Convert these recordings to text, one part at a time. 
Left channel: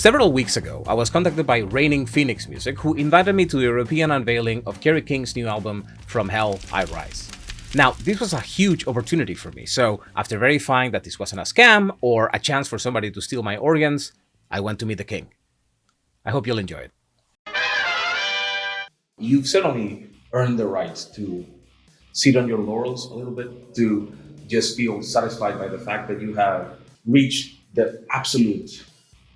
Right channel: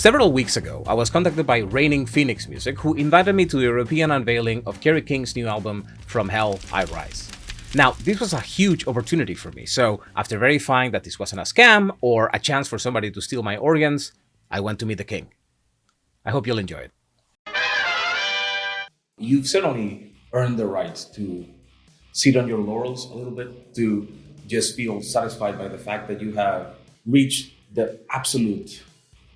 Several weeks ago, I was contacted by Reigning Phoenix Music, who invited me to the European unveiling of Kerry King's new album, From Hell I Rise. Now, this was a huge opportunity for me, so after verifying that this wasn't a scam or a chance for somebody to steal my organs, I went to meet the king. I hope you'll enjoy it. You've certainly earned the right to sit on your laurels a little bit, to just feel satisfied by the fact that you have reached the absolute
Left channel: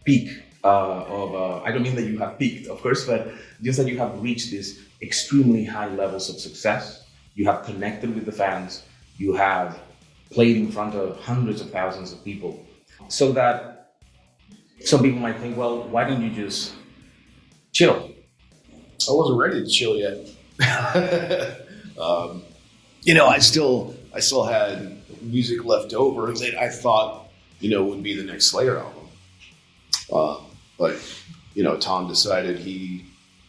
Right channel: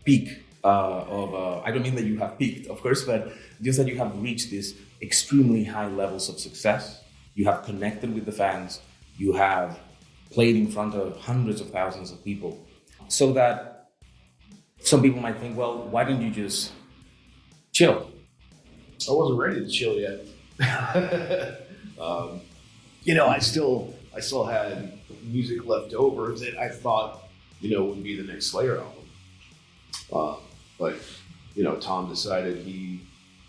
peak I don't mean that you have peaked, of course, but just that you have reached these extremely high levels of success. You have connected with the fans. You have played in front of hundreds of thousands of people. So that some people might think, well, why don't you just chill? I wasn't ready to chill yet. I still had music left over that I thought, would be the next Slayer album. But Tom decided he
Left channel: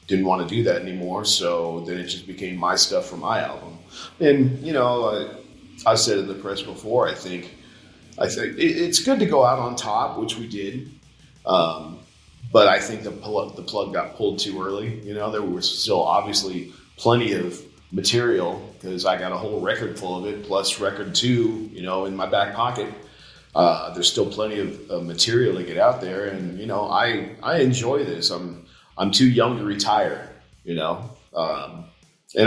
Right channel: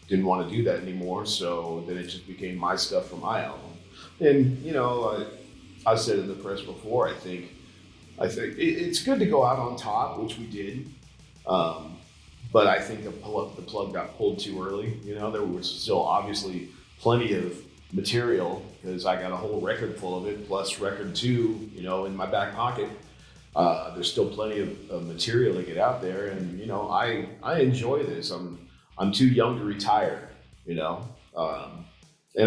didn't want to do that anymore, so then it just became my stuff for my album. And I said in the press before, I think it's good to go out on top, which we did. But I think the plug got pulled too early. There was still obviously plenty of material because I got a whole record full of it, plus record 2, in my back pocket. There's still plenty of material to get out there, and I enjoy this. I'm too young to retire, and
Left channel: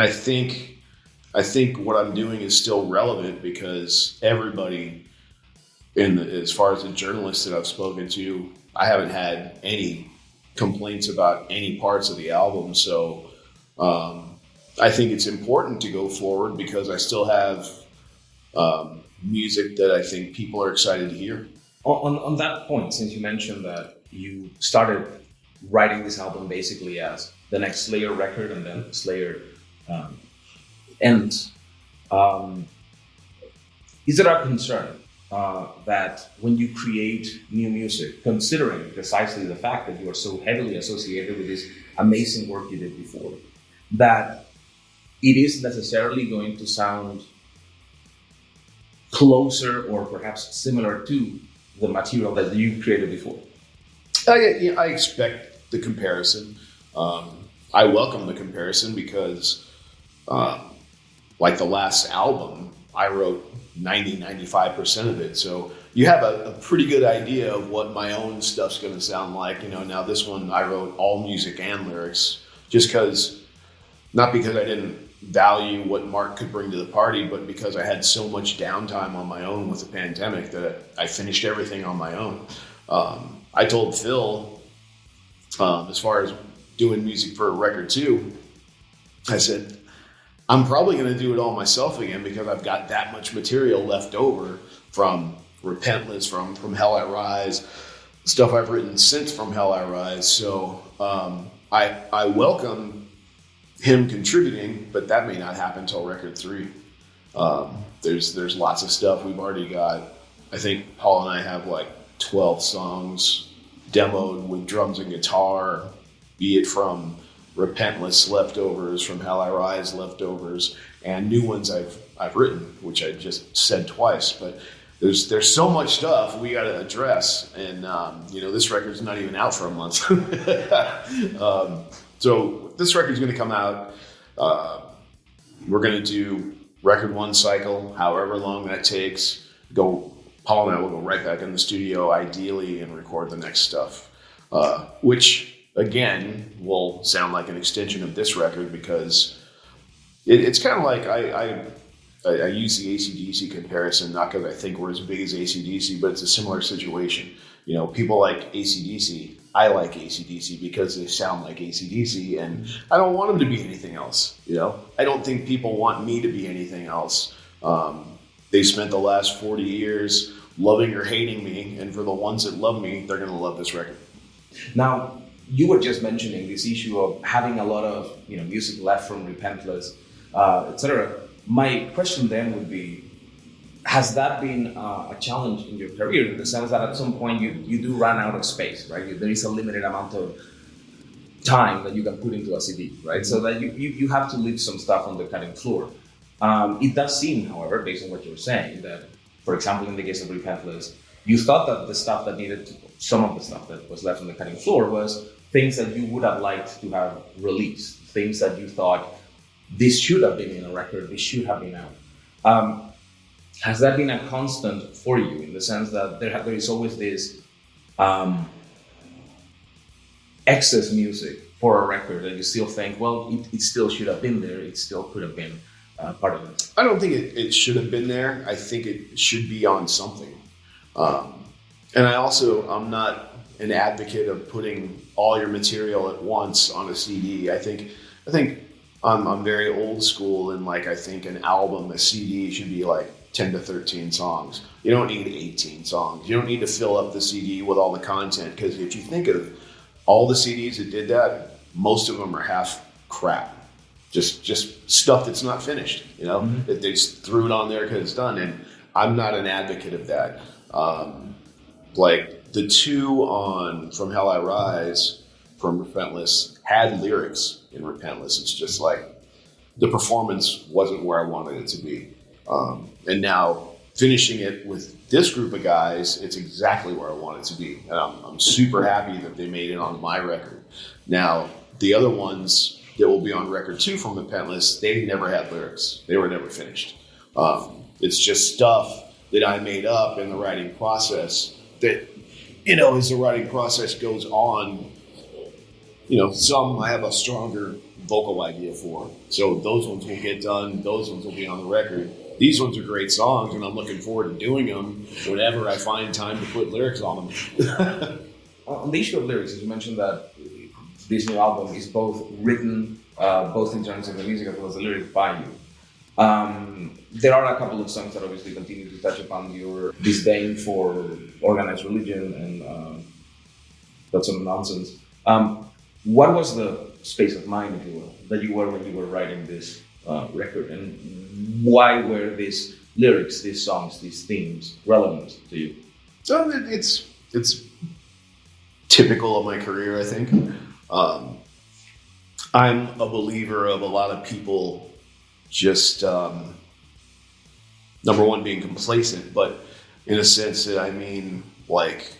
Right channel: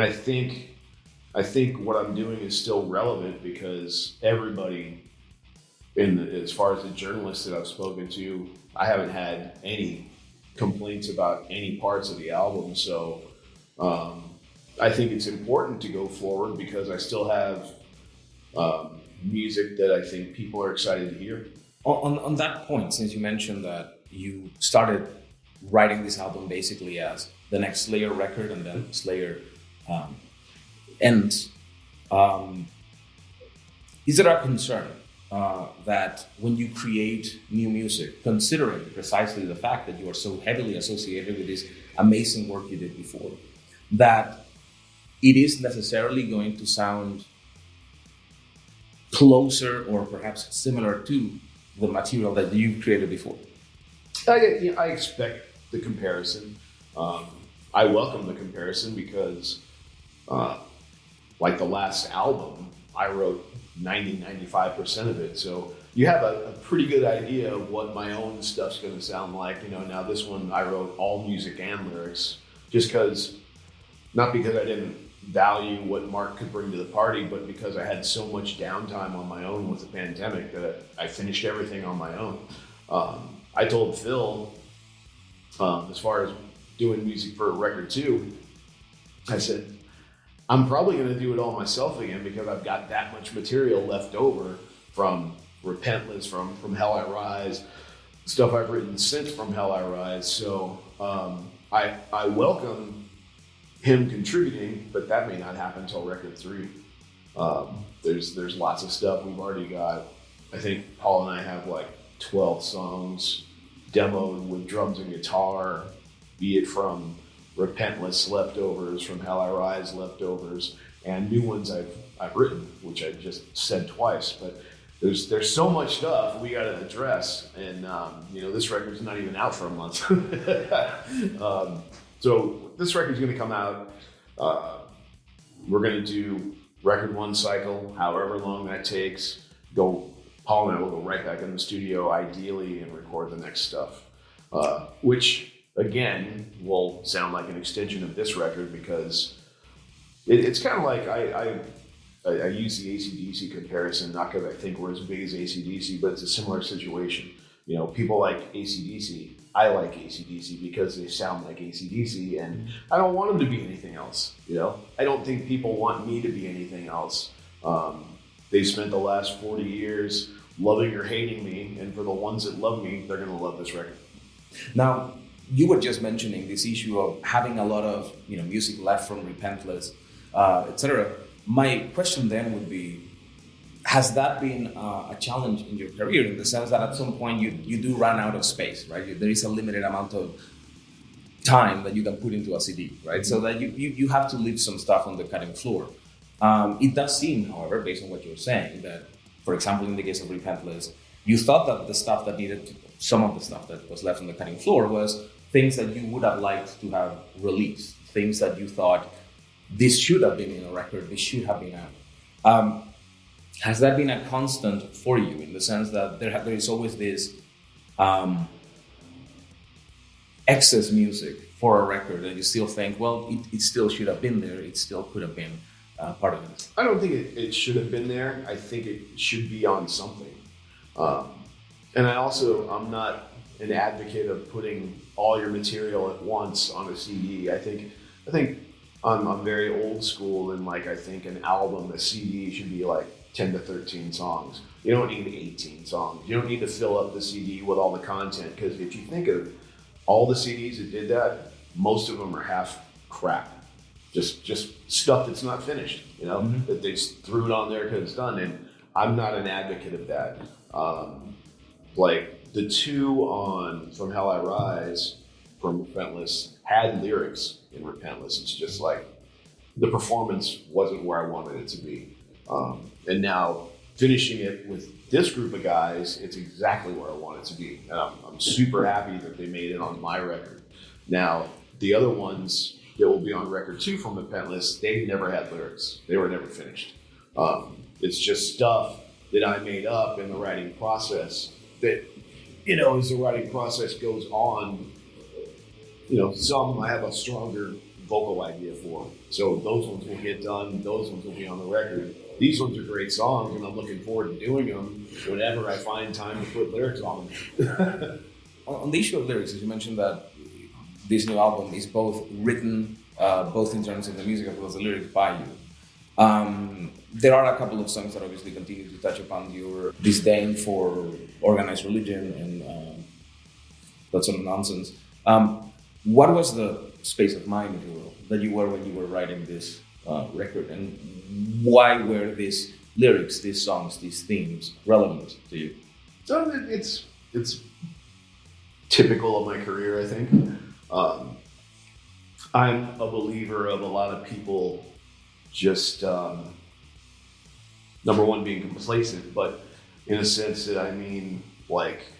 I think what I'm doing is still relevant because everybody, as far as the journalists that I've spoken to, I haven't had any complaints about any parts of the album. So I think it's important to go forward because I still have music that I think people are excited to hear. On that point, since you mentioned that you started writing this album basically as the next Slayer record and then Slayer ends, is it a concern that when you create new music, considering precisely the fact that you are so heavily associated with this amazing work you did before, that it is necessarily going to sound closer or perhaps similar to the material that you created before? I expect the comparison. I welcome the comparison because like the last album, I wrote 95% of it. So you have a pretty good idea of what my own stuff's going to sound like. Now this one, I wrote all music and lyrics just not because I didn't value what Mark could bring to the party, but because I had so much downtime on my own with the pandemic that I finished everything on my own. I told Phil, as far as doing music for record 2, I said, I'm probably going to do it all myself again because I've got that much material left over from Repentless, from Hell I Rise, stuff I've written since From Hell I Rise. So I welcome him contributing, but that may not happen until record 3. There's lots of stuff we've already got. I think Paul and I have like 12 songs demoed with drums and guitar, be it from Repentless leftovers, from Hell I Rise leftovers, and new ones I've written, which I just said twice. But there's so much stuff we got to address, and this record's not even out for a month. So this record's going to come out. We're going to do record 1 cycle, however long that takes. Paul and I will go right back in the studio, ideally, and record the next stuff, which again will sound like an extension of this record because it's kind of like I use the AC/DC comparison, not because I think we're as big as AC/DC, but it's a similar situation. People like AC/DC. I like AC/DC because they sound like AC/DC, and I don't want them to be anything else. I don't think people want me to be anything else. They spent the last 40 years loving or hating me, and for the ones that love me, they're going to love this record. Now, you were just mentioning this issue of having a lot of music left from Repentless, etc. My question then would be, has that been a challenge in your career in the sense that at some point you do run out of space, right? There is a limited amount of time that you can put into a CD, right? So that you have to leave some stuff on the cutting floor. It does seem, however, based on what you're saying, that, for example, in the case of Repentless, you thought that the stuff that some of the stuff that was left on the cutting floor was things that you would have liked to have released, things that you thought this should have been in a record, this should have been out. Has that been a constant for you in the sense that there is always this excess music for a record that you still think, well, it still should have been there, it still could have been part of it? I don't think it should have been there. I think it should be on something. And I'm not an advocate of putting all your material at once on a CD. I think I'm very old school, and like I think an album, a CD should be like 10 to 13 songs. You don't need 18 songs. You don't need to fill up the CD with all the content, because if you think of all the CDs that did that, most of them are half crap. Just stuff that's not finished, that they just threw it on there because it's done. And I'm not an advocate of that. Like the two on From Hell I Rise, from Repentless, had lyrics in Repentless. It's just like the performance wasn't where I wanted it to be. And now finishing it with this group of guys, it's exactly where I want it to be. And I'm super happy that they made it on my record. Now, the other ones that will be on record 2 from Repentless, they never had lyrics. They were never finished. It's just stuff that I made up in the writing process that, as the writing process goes on, some I have a stronger vocal idea for. So those ones will get done. Those ones will be on the record. These ones are great songs, and I'm looking forward to doing them whenever I find time to put lyrics on them. On the issue of lyrics, you mentioned that this new album is both written, both in terms of the music as well as the lyrics, by you. There are a couple of songs that obviously continue to touch upon your disdain for organized religion and that sort of nonsense. What was the space of mind, if you will, that you were when you were writing this record, and why were these lyrics, these songs, these themes relevant to you? So it's typical of my career, I think. I'm a believer of a lot of people just, number one, being complacent, but in a sense that I mean, like,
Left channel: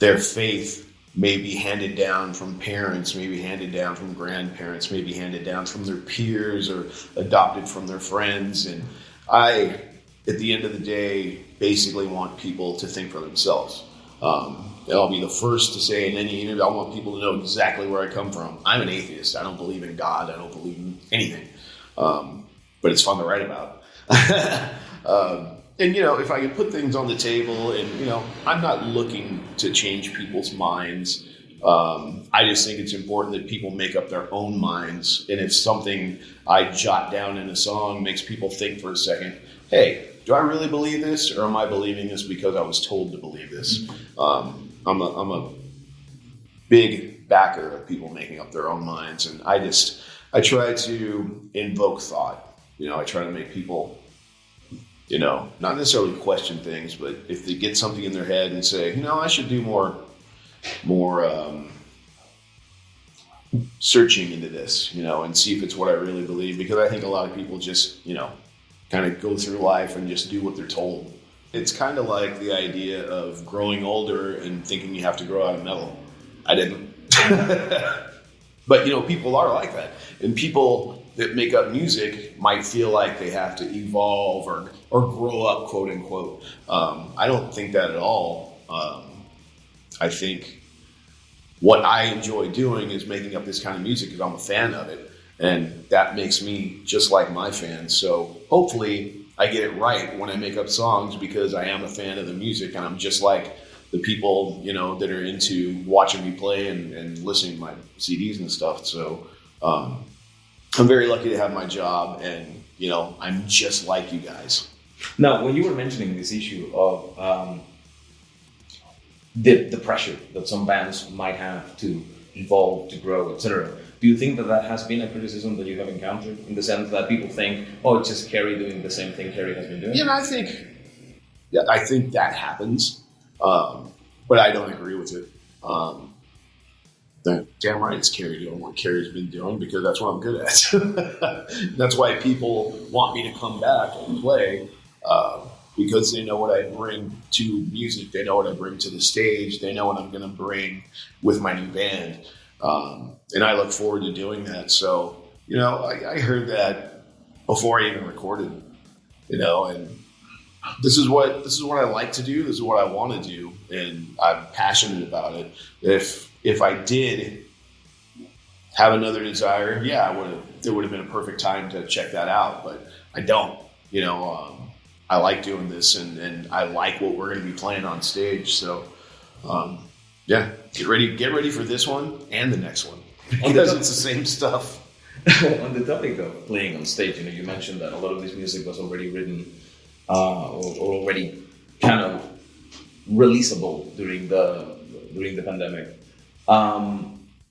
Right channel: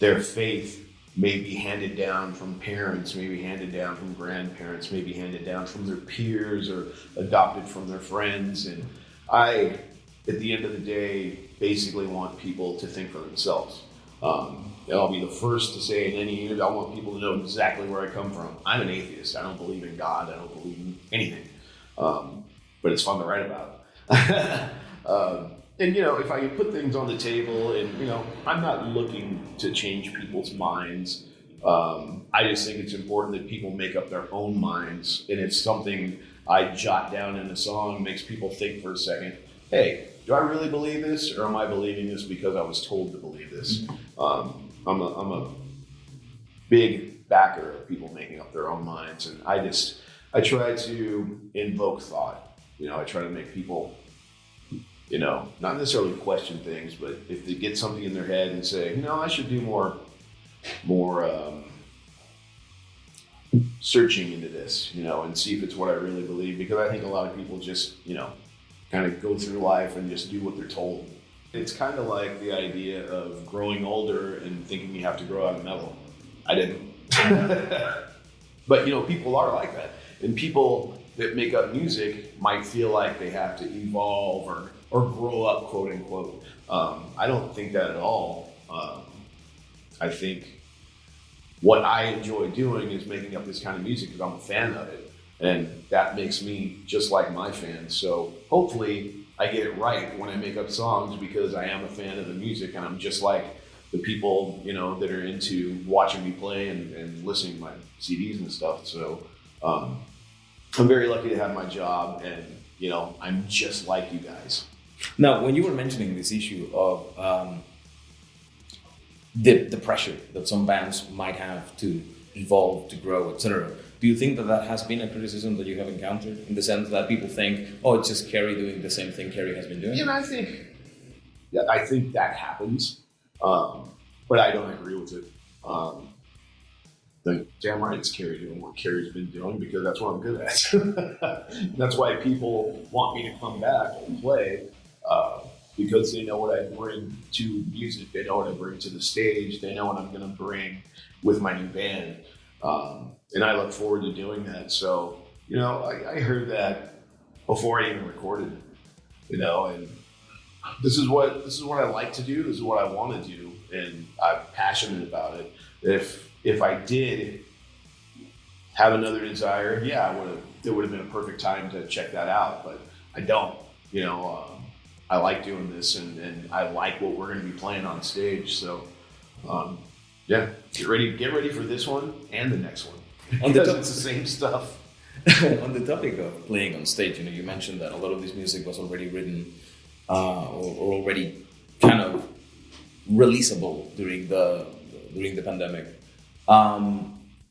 their faith may be handed down from parents, maybe handed down from grandparents, maybe handed down from their peers or adopted from their friends. And I, at the end of the day, basically want people to think for themselves. And I'll be the first to say in any interview, I want people to know exactly where I come from. I'm an atheist. I don't believe in God. I don't believe in anything. But it's fun to write about. And, if I can put things on the table and, I'm not looking to change people's minds. I just think it's important that people make up their own minds. And if something I jot down in a song makes people think for a second, hey, do I really believe this, or am I believing this because I was told to believe this? I'm a big backer of people making up their own minds, and I try to invoke thought. I try to make people, not necessarily question things, but if they get something in their head and say, I should do more searching into this, and see if it's what I really believe, because I think a lot of people just, kind of go through life and just do what they're told. It's kind of like the idea of growing older and thinking you have to grow out of metal. I didn't. But, people are like that. And people that make up music might feel like they have to evolve or grow up, quote unquote. I don't think that at all. I think what I enjoy doing is making up this kind of music because I'm a fan of it. And that makes me just like my fans. So hopefully I get it right when I make up songs, because I am a fan of the music, and I'm just like the people, that are into watching me play and listening to my CDs and stuff. So I'm very lucky to have my job, and, I'm just like you guys. Now, when you were mentioning this issue of the pressure that some bands might have to evolve, to grow, etc., do you think that has been a criticism that you have encountered, in the sense that people think, oh, it's just Kerry doing the same thing Kerry has been doing? I think that happens, but I don't agree with it. Damn right it's Kerry doing what Kerry's been doing, because that's what I'm good at. That's why people want me to come back and play. because they know what I bring to music. They know what I bring to the stage. They know what I'm going to bring with my new band. And I look forward to doing that. So, I heard that before I even recorded, and this is what I like to do. This is what I want to do. And I'm passionate about it. If I did have another desire, there would have been a perfect time to check that out, but I don't, I like doing this and I like what we're going to be playing on stage. So, get ready for this one and the next one because it's the same stuff. On the topic of playing on stage, you mentioned that a lot of this music was already written or already kind of releasable during the pandemic.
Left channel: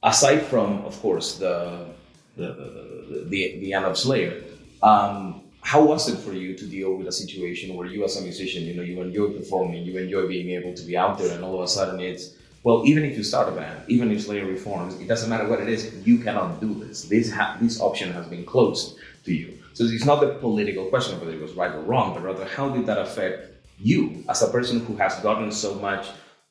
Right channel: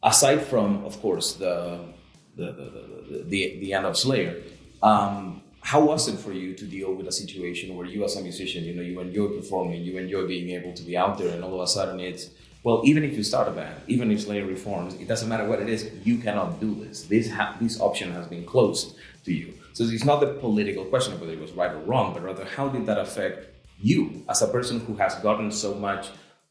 Aside from, of course, the end of Slayer, how was it for you to deal with a situation where you as a musician, you enjoy performing, you enjoy being able to be out there, and all of a sudden it's, well, even if you start a band, even if Slayer reforms, it doesn't matter what it is, you cannot do this. This option has been closed to you. So it's not the political question of whether it was right or wrong, but rather how did that affect you as a person who has gotten so much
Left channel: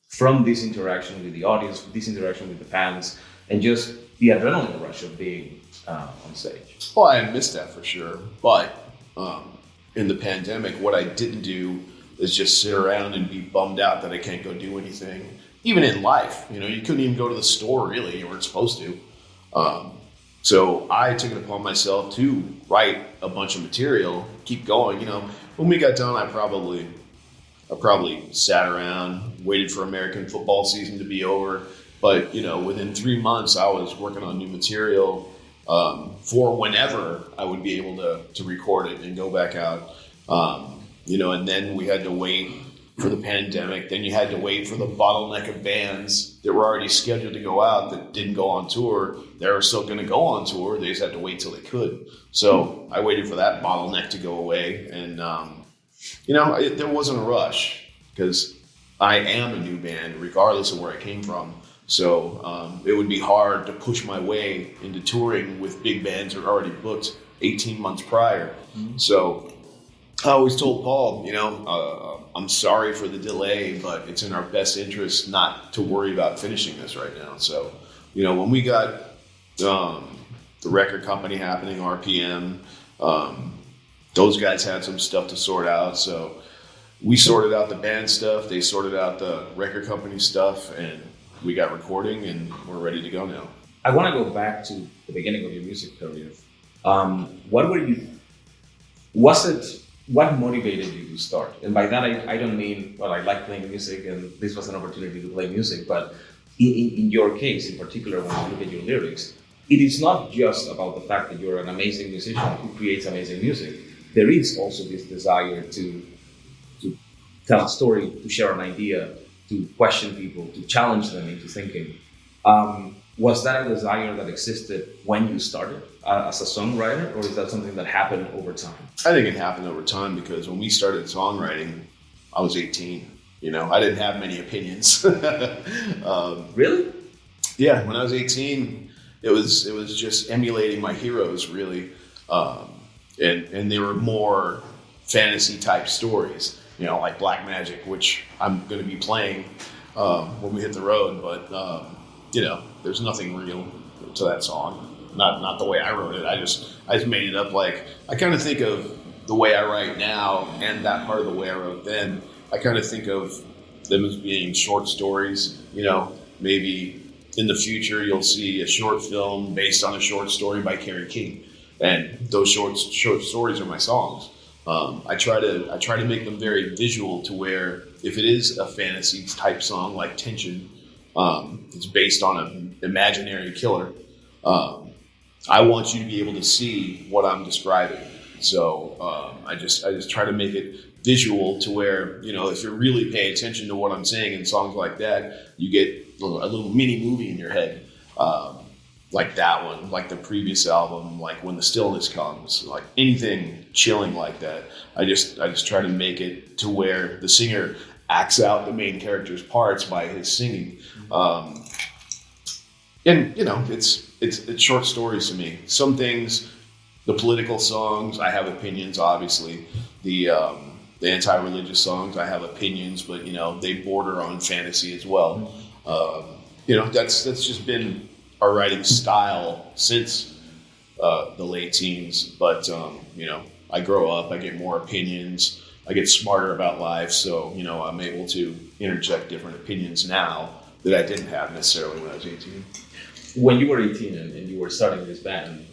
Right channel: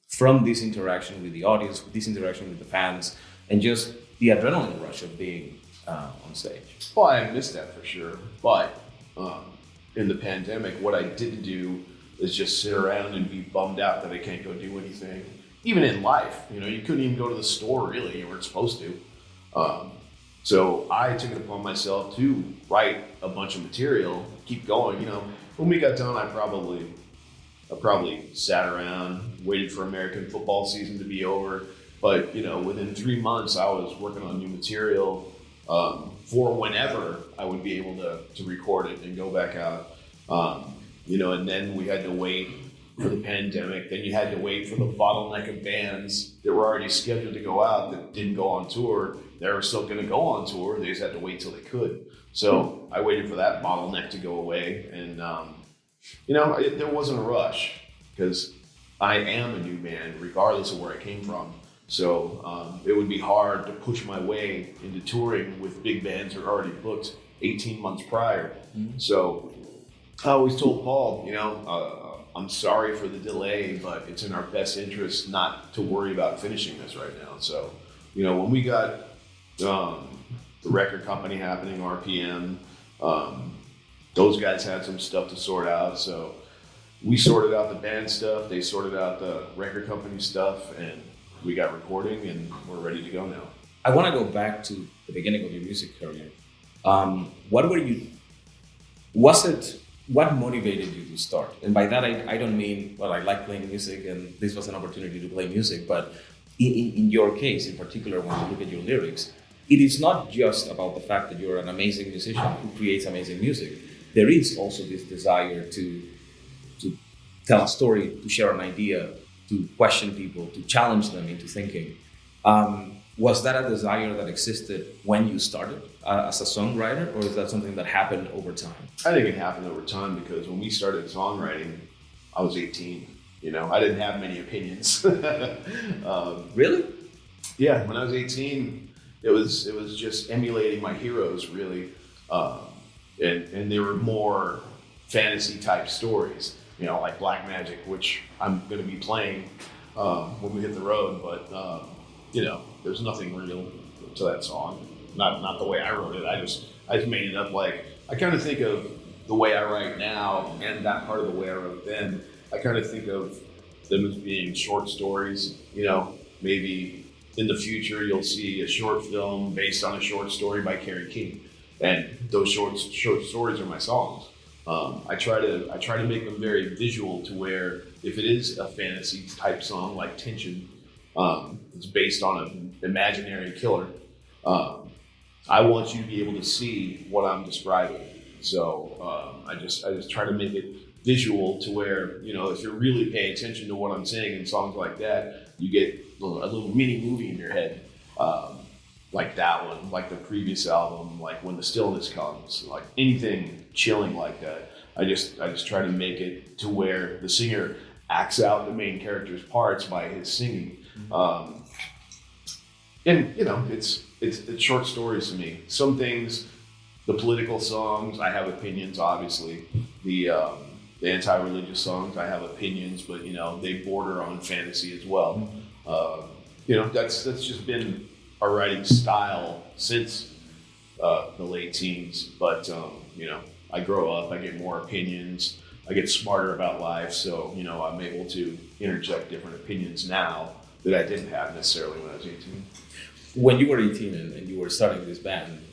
from this interaction with the audience, this interaction with the fans, and just the adrenaline rush of being on stage? Well, I missed that for sure. But in the pandemic, what I didn't do is just sit around and be bummed out that I can't go do anything. Even in life, you couldn't even go to the store really. You weren't supposed to. So I took it upon myself to write a bunch of material, keep going. When we got done, I probably sat around, waited for American football season to be over. But, within 3 months, I was working on new material for whenever I would be able to record it and go back out. And then we had to wait for the pandemic. Then you had to wait for the bottleneck of bands that were already scheduled to go out that didn't go on tour. They were still going to go on tour. They just had to wait till they could. So I waited for that bottleneck to go away. And, there wasn't a rush because I am a new band regardless of where I came from. So it would be hard to push my way into touring with big bands that are already booked 18 months prior. Mm-hmm. So I always told Paul, I'm sorry for the delay, but it's in our best interest not to worry about finishing this right now. So, when we got the record company happening, RPM, those guys had some stuff to sort out. So we sorted out the band stuff. They sorted out the record company stuff, and we got recording, and we're ready to go now. I want to go back to the beginning of your music career. What motivated you to start? And by that, I don't mean, well, I like playing music and this was an opportunity to play music, but in your case, in particular, when you look at your lyrics, it is not just about the fact that you're an amazing musician who creates amazing music. There is also this desire to tell a story, to share an idea, to question people, to challenge them into thinking. Was that a desire that existed when you started as a songwriter, or is that something that happened over time? I think it happened over time because when we started songwriting, I was 18. I didn't have many opinions. Really? Yeah, when I was 18, it was just emulating my heroes, really, and they were more fantasy type stories. Like Black Magic, which I'm going to be playing when we hit the road, but there's nothing real to that song. Not the way I wrote it. I just made it up. Like, I kind of think of the way I write now and that part of the way I wrote then. I kind of think of them as being short stories. Maybe in the future you'll see a short film based on a short story by Kerry King, and those short stories are my songs. I try to make them very visual to where if it is a fantasy type song like Tension, it's based on an imaginary killer. I want you to be able to see what I'm describing. So I just try to make it visual to where, if you're really paying attention to what I'm saying in songs like that, you get a little mini movie in your head. Like that one, like the previous album, like When the Stillness Comes, like anything chilling like that. I just try to make it to where the singer acts out the main character's parts by his singing. And it's short stories to me. Some things, the political songs, I have opinions, obviously. The the anti-religious songs. I have opinions, but they border on fantasy as well. That's just been our writing style since the late teens. But I grow up, I get more opinions, I get smarter about life, so I'm able to interject different opinions now that I didn't have necessarily when I was 18. When you were 18 and you were starting this band,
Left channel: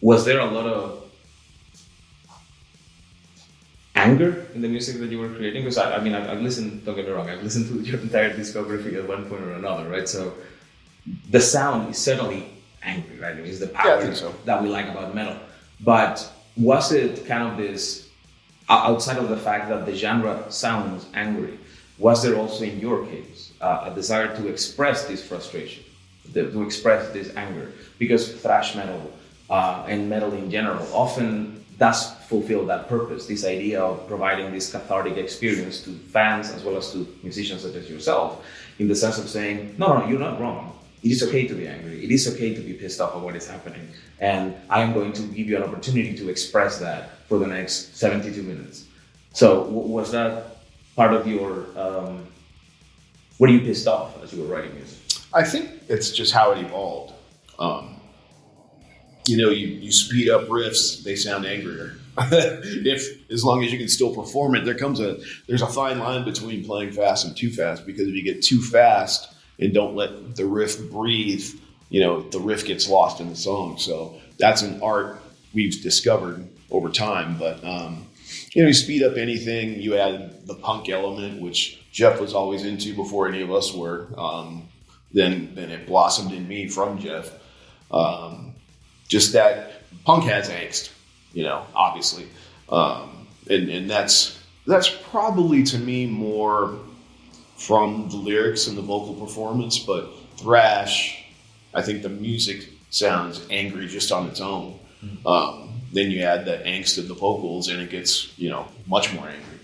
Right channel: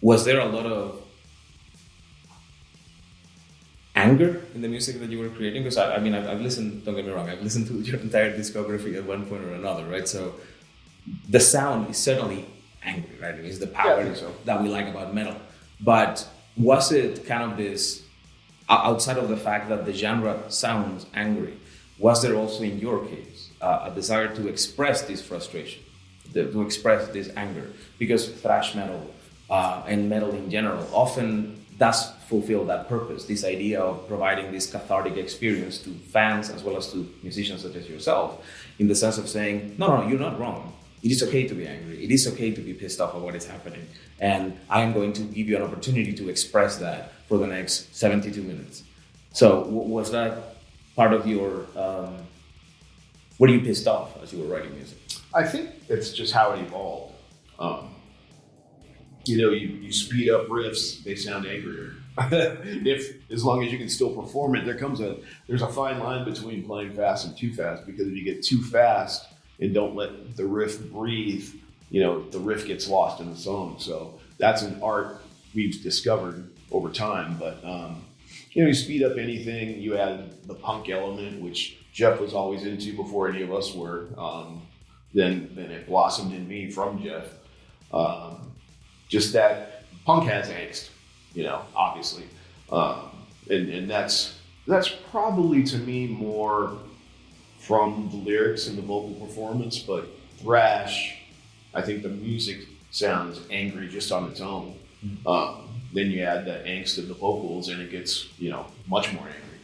was there a lot of anger in the music that you were creating? Because I've listened, don't get me wrong, I've listened to your entire discography at one point or another, right? So the sound is certainly angry, right? It's the power that we like about metal. But was it kind of this, outside of the fact that the genre sounds angry, was there also in your case a desire to express this frustration, to express this anger? Because thrash metal and metal in general often does fulfill that purpose, this idea of providing this cathartic experience to fans as well as to musicians such as yourself, in the sense of saying, no, you're not wrong. It is okay to be angry. It is okay to be pissed off at what is happening. And I am going to give you an opportunity to express that for the next 72 minutes. So was that part of your, were you pissed off as you were writing music? I think it's just how it evolved. You speed up riffs, they sound angrier. As long as you can still perform it, there's a fine line between playing fast and too fast, because if you get too fast and don't let the riff breathe, the riff gets lost in the song. So that's an art we've discovered over time. But you speed up anything, you add the punk element, which Jeff was always into before any of us were. Then it blossomed in me from Jeff. Just that punk has angst, obviously. And that's probably to me more from the lyrics and the vocal performance, but thrash, I think the music sounds angry just on its own. Then you add the angst of the vocals and it gets, much more angry.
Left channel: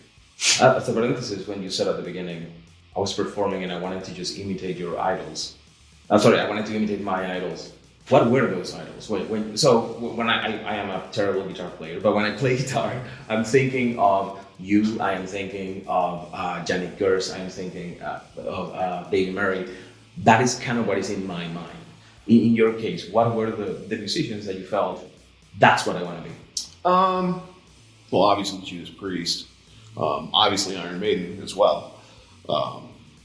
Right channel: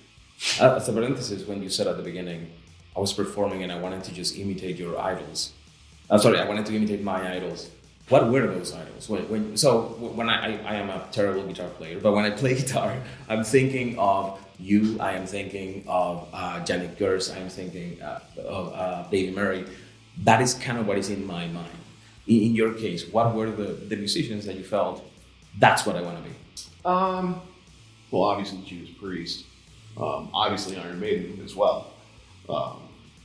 As a parenthesis, when you said at the beginning, I was performing and I wanted to just imitate your idols. I wanted to imitate my idols. What were those idols? When I am a terrible guitar player, but when I play guitar, I'm thinking of you, I am thinking of Janet Gers, I am thinking of Davey Murray. That is kind of what is in my mind. In your case, what were the musicians that you felt, that's what I want to be? Well, obviously Judas Priest, obviously Iron Maiden as well,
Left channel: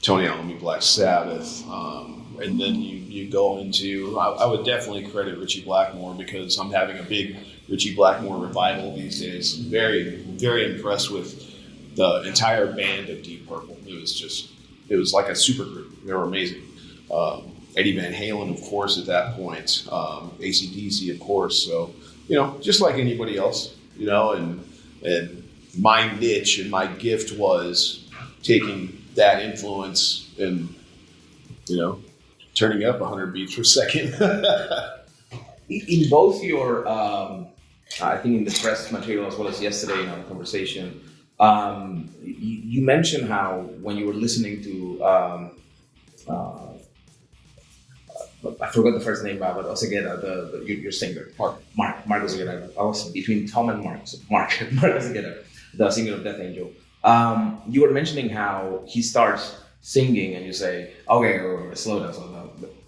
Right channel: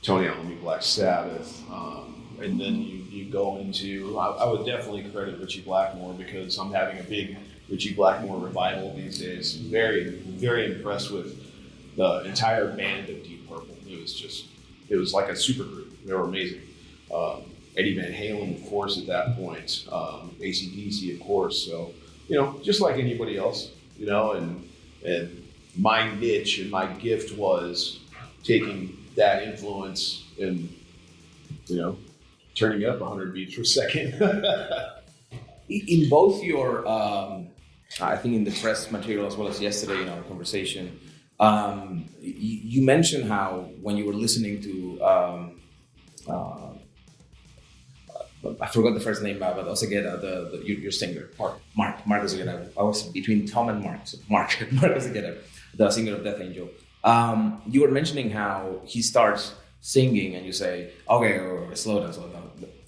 Tony Iommi, Black Sabbath, and then you go into, I would definitely credit Ritchie Blackmore, because I'm having a big Ritchie Blackmore revival these days. Very, very impressed with the entire band of Deep Purple. It was like a super group. They were amazing. Eddie Van Halen, of course, at that point. AC/DC, of course. So, just like anybody else, and my niche and my gift was taking that influence and, turning up 100 beats per second. In both your, I think in the press material as well as yesterday in our conversation, you mentioned how when you were listening to, I forgot the first name, but Oseguera, your singer, Mark Oseguera. I was between Tom and Mark Oseguera, the singer of Death Angel. You were mentioning how he starts singing and you say, okay, slow down.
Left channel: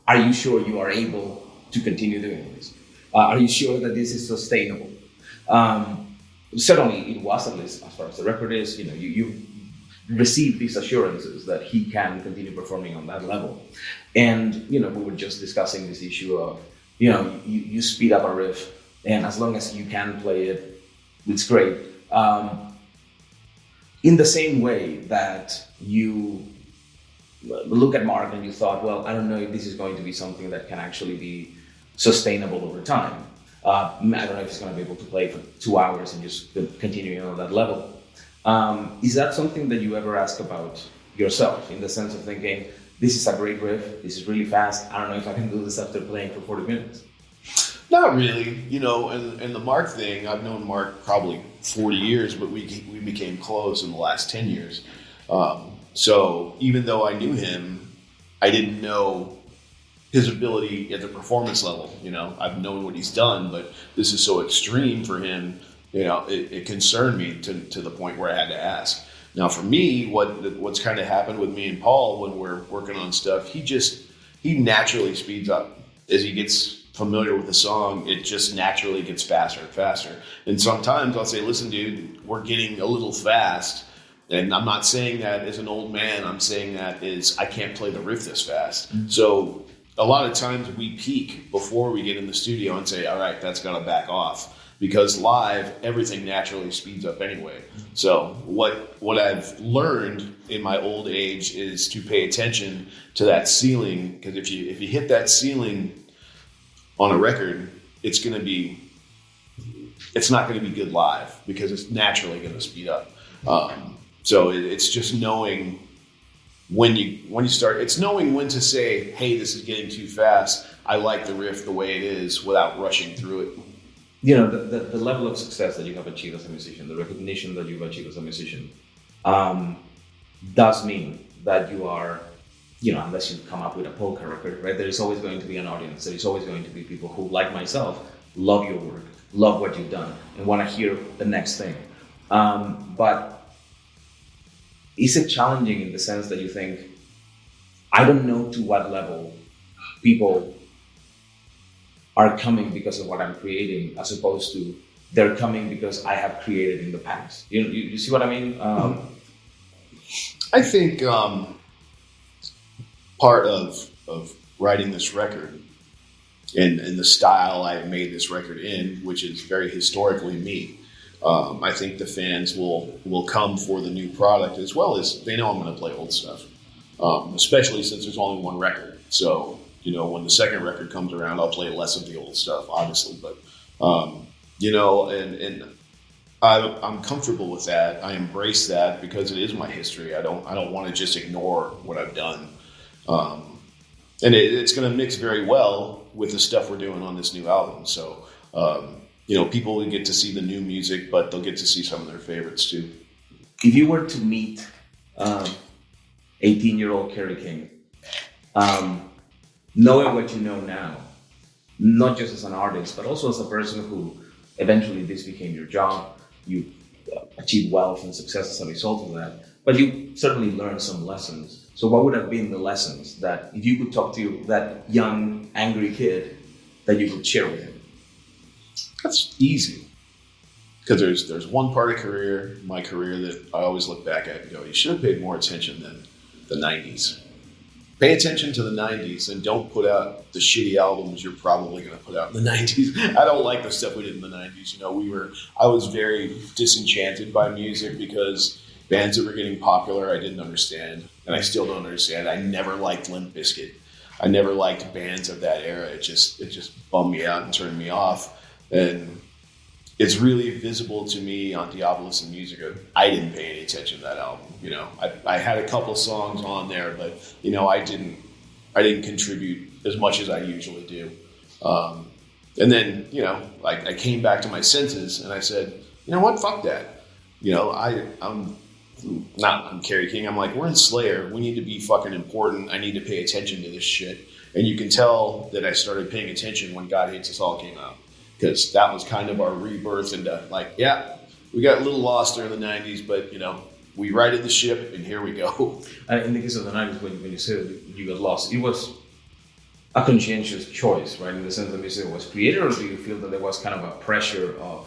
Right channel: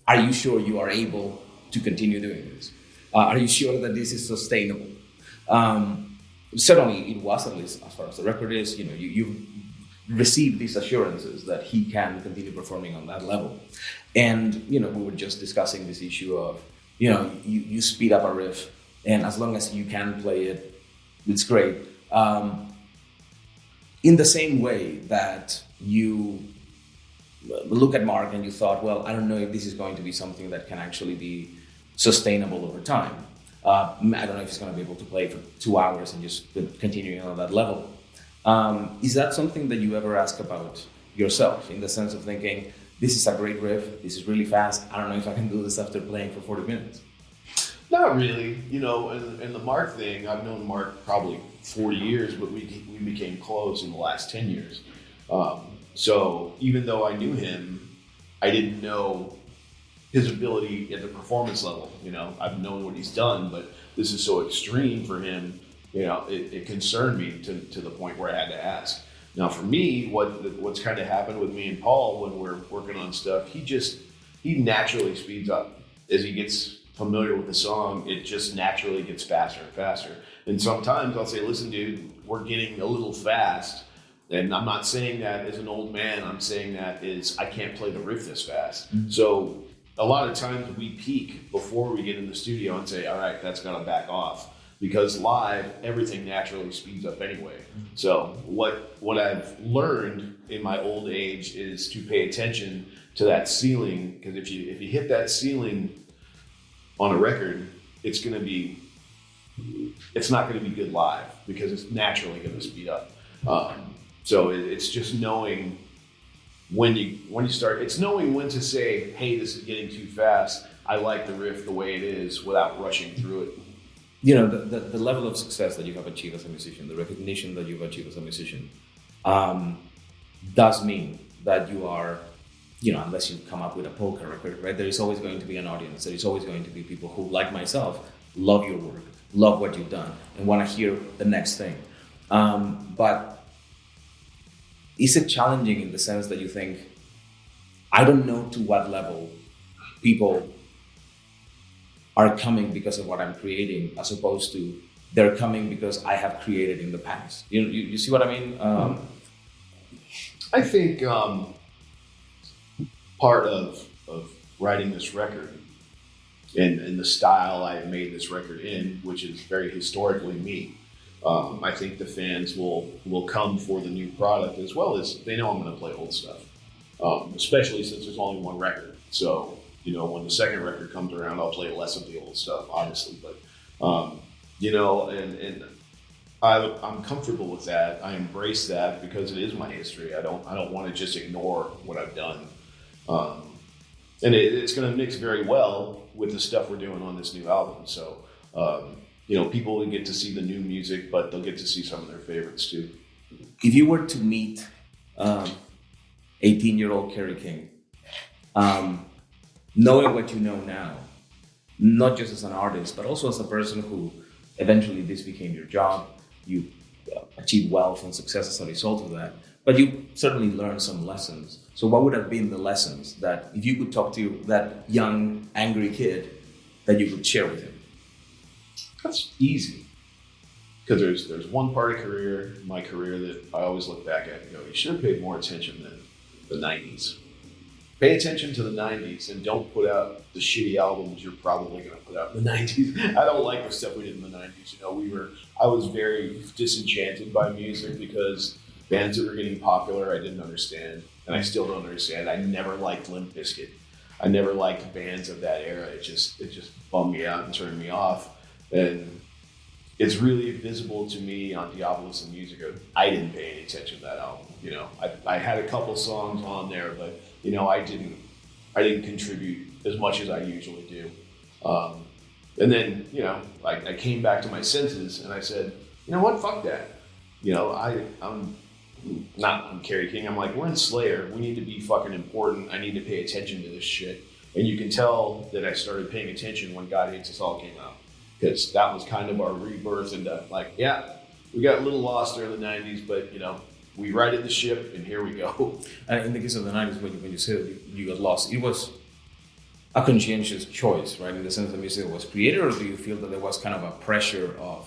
Are you sure you are able to continue doing this? Are you sure that this is sustainable? Certainly it was, at least as far as the record is, you received these assurances that he can continue performing on that level. And, we were just discussing this issue of, you speed up a riff and as long as you can play it, it's great. In the same way that you look at Mark and you thought, well, I don't know if this is going to be something that can actually be sustainable over time. I don't know if he's going to be able to play for 2 hours and just continue on that level. Is that something that you ever ask about yourself, in the sense of thinking, this is a great riff, this is really fast, I don't know if I can do this after playing for 40 minutes? Not really, and the Mark thing, I've known Mark probably 40 years, but we became close in the last 10 years. So even though I knew him, I didn't know his ability at the performance level. I've known what he's done, but this is so extreme for him it concerned me to the point where I had to ask. Now, for me, what's kind of happened with me and Paul when we're working on stuff, he naturally speeds up as he gets familiar with the song. It just naturally gets faster and faster. And sometimes I'll say, "Listen, dude, we're getting a little fast." And I'm not saying that as an old man. I'm saying that is I can't play the riff this fast. Mm-hmm. So a lot of times we peak before we get in the studio and say, "All right, that's got to back off." Because live, everything naturally speeds up anyway. So what I've learned in my old age is to pay attention to that ceiling. Because if you hit that ceiling on a record, it's not going to be good live because it's naturally going to speed up. So it's just knowing when you start. It's knowing when to say, "Hey, this is getting too fast. I like the riff the way it is," without rushing through it. The level of success that you have achieved as a musician, the recognition that you've achieved as a musician, does mean that you are, unless you come up with a polka record, right? There is always going to be an audience. There is always going to be people who, like myself, love your work, love what you've done, and want to hear the next thing. But is it challenging in the sense that you think, I don't know to what level people are coming because of what I'm creating, as opposed to they're coming because I have created in the past. You see what I mean? I think part of writing this record and the style I made this record in, which is very historically me, I think the fans will come for the new product as well as they know I'm going to play old stuff, especially since there's only one record. So, when the second record comes around, I'll play less of the old stuff, obviously. But, and I'm comfortable with that. I embrace that because it is my history. I don't want to just ignore what I've done. And it's going to mix very well with the stuff we're doing on this new album. So, people will get to see the new music, but they'll get to see some of their favorites too. If you were to meet 18-year-old Kerry King, knowing what you know now, not just as an artist, but also as a person who eventually this became your job, you achieved wealth and success as a result of that, but you certainly learned some lessons. So what would have been the lessons that, if you could talk to that young, angry kid, that you could share with him? That's easy. Because there's one part of my career that I always look back at and go, you should have paid more attention than the 90s. Pay attention to the 90s and don't put out the shitty albums you're probably going to put out in the 90s. I don't like the stuff we did in the 90s. I was very disenchanted by music because bands that were getting popular I didn't understand, and I still don't understand. I never liked Limp Bizkit. I never liked bands of that era. It just bummed me out and turned me off. And it's really visible to me on Diabolus and Musica. I didn't pay any attention to that album. I had a couple songs on there, but I didn't contribute as much as I usually do. And then I came back to my senses and I said, you know what, fuck that. I'm Kerry King. I'm like, we're in Slayer. We need to be fucking important. I need to pay attention to this shit. And you can tell that I started paying attention when God Hates Us All came out. Because that was kind of our rebirth into we got a little lost there in the 90s, but we righted the ship and here we go. And in the case of the 90s, when you said you got lost, it was a conscientious choice, right? In the sense that music was created, or do you feel that there was kind of a pressure of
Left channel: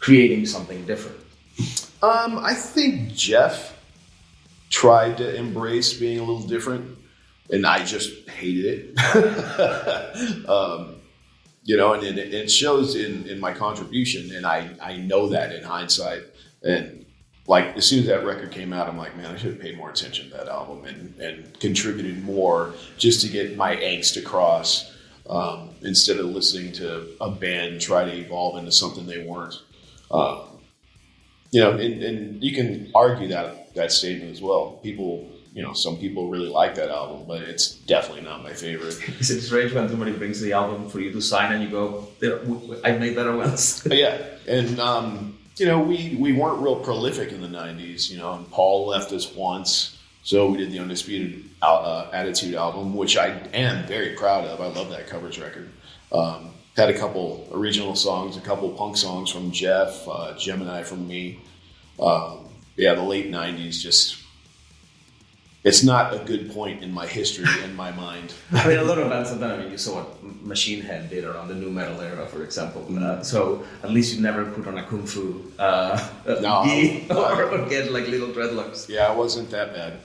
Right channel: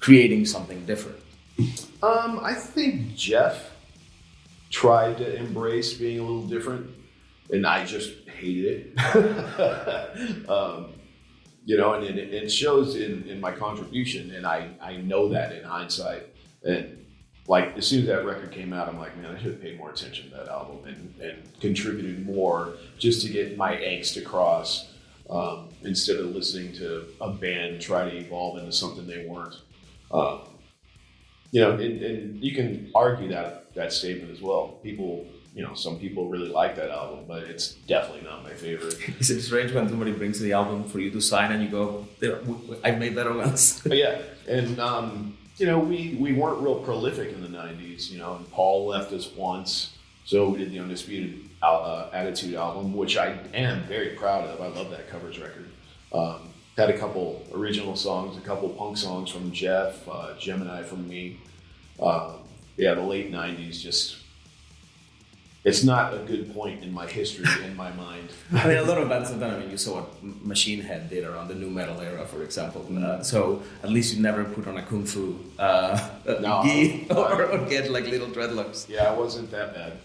creating something different? I think Jeff tried to embrace being a little different, and I just hated it. And it shows in my contribution, and I know that in hindsight. And as soon as that record came out, I'm like, man, I should have paid more attention to that album and contributed more just to get my angst across, instead of listening to a band try to evolve into something they weren't. And you can argue that statement as well. People, some people really like that album, but it's definitely not my favorite. Is it strange when somebody brings the album for you to sign and you go, I made better ones? Yeah. And, we weren't real prolific in the 90s, and Paul left us once. So we did the Undisputed Attitude album, which I am very proud of. I love that covers record. Had a couple original songs, a couple punk songs from Jeff, Gemini from me. Yeah, the late 90s just, it's not a good point in my history in my mind. I mean, a lot of bands have done. I mean, you saw what Machine Head did around the new metal era, for example. So at least you never put on a kung fu No. gi or get like little dreadlocks. Yeah, it wasn't that bad.